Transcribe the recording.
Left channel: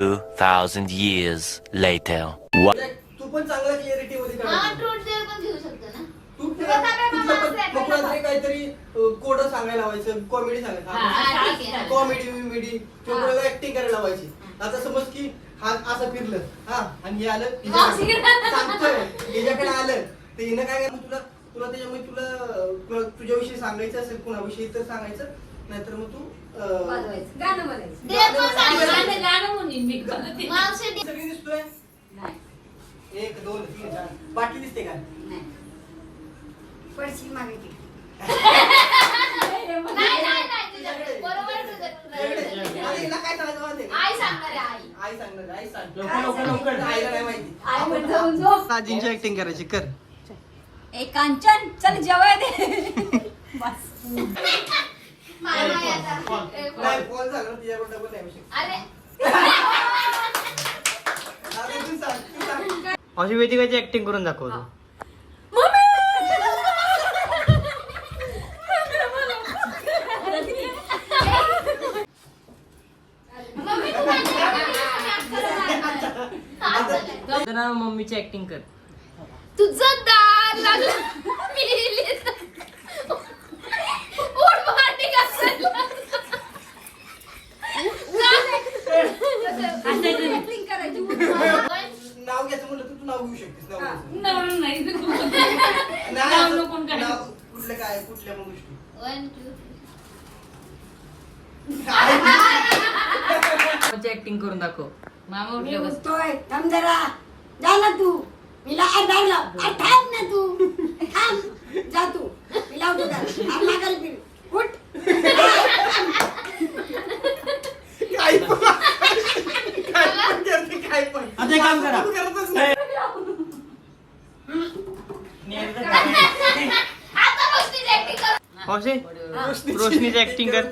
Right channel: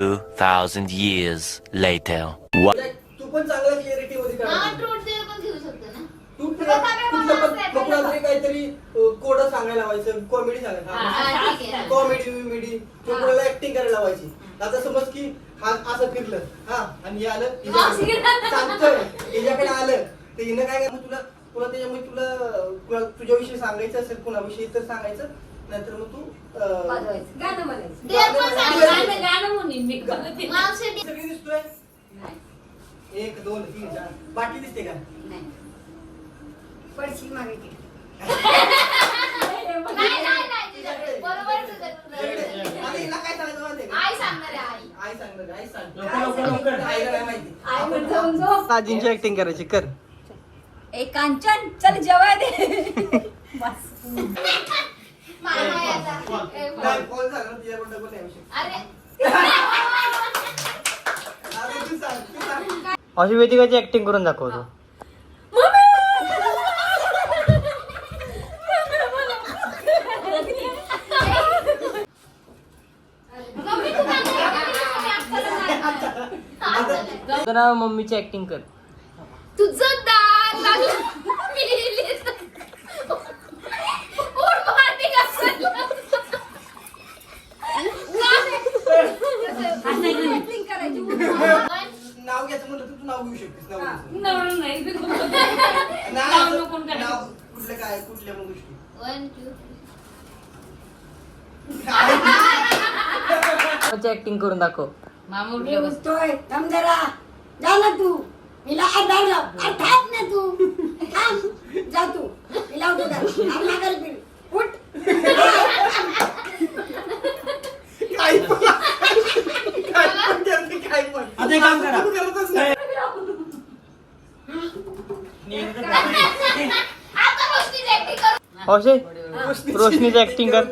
2,000 years later. What? तू पण चांगला clarity मध्ये हा करायचं. ट्रूथ टेल पण घेऊ शकतो ना तू तुला काय बाबा पण असं मग कुणाला तरी काहीतरी कोड सांगायला लावायचं कॉमेडी हा, सांगायचं हा, ठीक आहे. कॉमेडी विमेडी किंवा कुणाला ऍक्टिंग करायला लावायची आता समज की हा असं फिरलं हा आणि हे आलं हिच्याकडे. सांगतोय हिच्याकडे आलं तर हिनं काय करणार तुला तुला त्याच्यामुळे तुला कुणा तुझ्याविषयी सांगायचं असेल कुणाविषयी तर सांगायचं नाहीतर मग तू अं, वाजवायचं. गाणं म्हणायचं. ते पण गाणं सांगायचं. म्हणायचं. गाणं म्हणेन मी. करते. मावशी सगळी दिसतोय? नाही. एक दोन तीन चार. बाटली दिसते का? नाही. पडशी मागायची नाही, नाही नाही नाही. तुझ्याकडे. बरोबर तुझं- तुझ्याकडे. तुझं- आणि हिला काय सांगायचं माहितीये का? आई सांगणार आहे आई. आई सांगणार आई सांग. लवकर, लवकर, लवकर. आईला नाही माहिती. आई म्हणून जाऊन झोप. आजींची ऍक्टिंग करायची कर. ए कांचन चल जेवाय दे. बस. नाही फोन सांग तिच्याकडे डबल नाही विषय अरे. आता तू सांग तू सांग. अशी वेदिकाची ऍक्टिंग करून दाखवतो ना मम्मीची ऍक्टिंग कर. तुझं दार लागलं मी लिहिली. उठ मारली का Acting करायची म्हणलं तर तू नाव घेऊ शकतेस नाव नाही नाही, नाव असं- नको काढू. नाव कुठलं काय कुठल्या मग गोष्टी वन टू मम्मीची ऍक्टिंग करून दाखव. मामा उठले बस. उठतोय. थांब जरा. जा ना तू. हिला आधार लाव. आ, थांब ना तू. थांब. जा तू. माघारी फिर. उठ. काय पण काय पण करते, काय पण आता एक काम करा. रोशनीची ऍक्टिंग कर.